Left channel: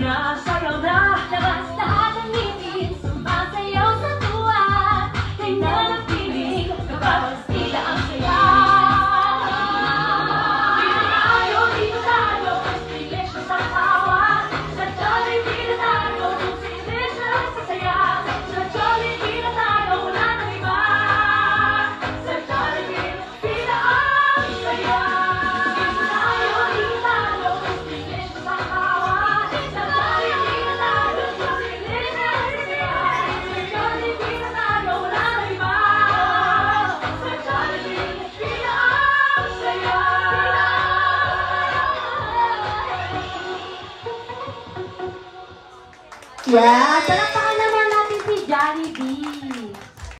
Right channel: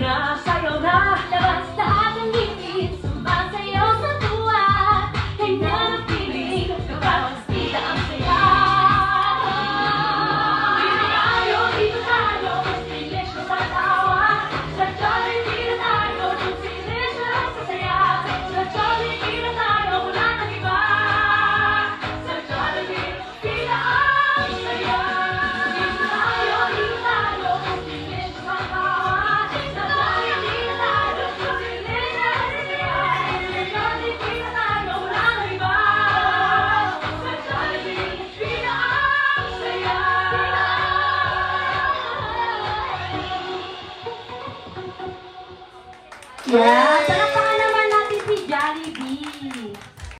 na sa'yo na. Labas lahat ng ngiti, sumasayaw sa tuwa. Kanya ng piling, kapag tila ang saya. Hindi tayo, di ko tayo, pilis ko sa tawa. Sa jolly, di na tayo, kung pilis na lang sa saya. Sa jolly, di na tayo, wala nang iba. Sa jolly, di na ang saya. Hindi tayo, di ko tayo, kung pilis ko sa tawa. Sa jolly, di na tayo, kung pilis na lang sa saya. Sa jolly, di na tayo, wala nang iba. Sa jolly, di na ang saya. Yeah, palakpakan naman natin si Jollibee.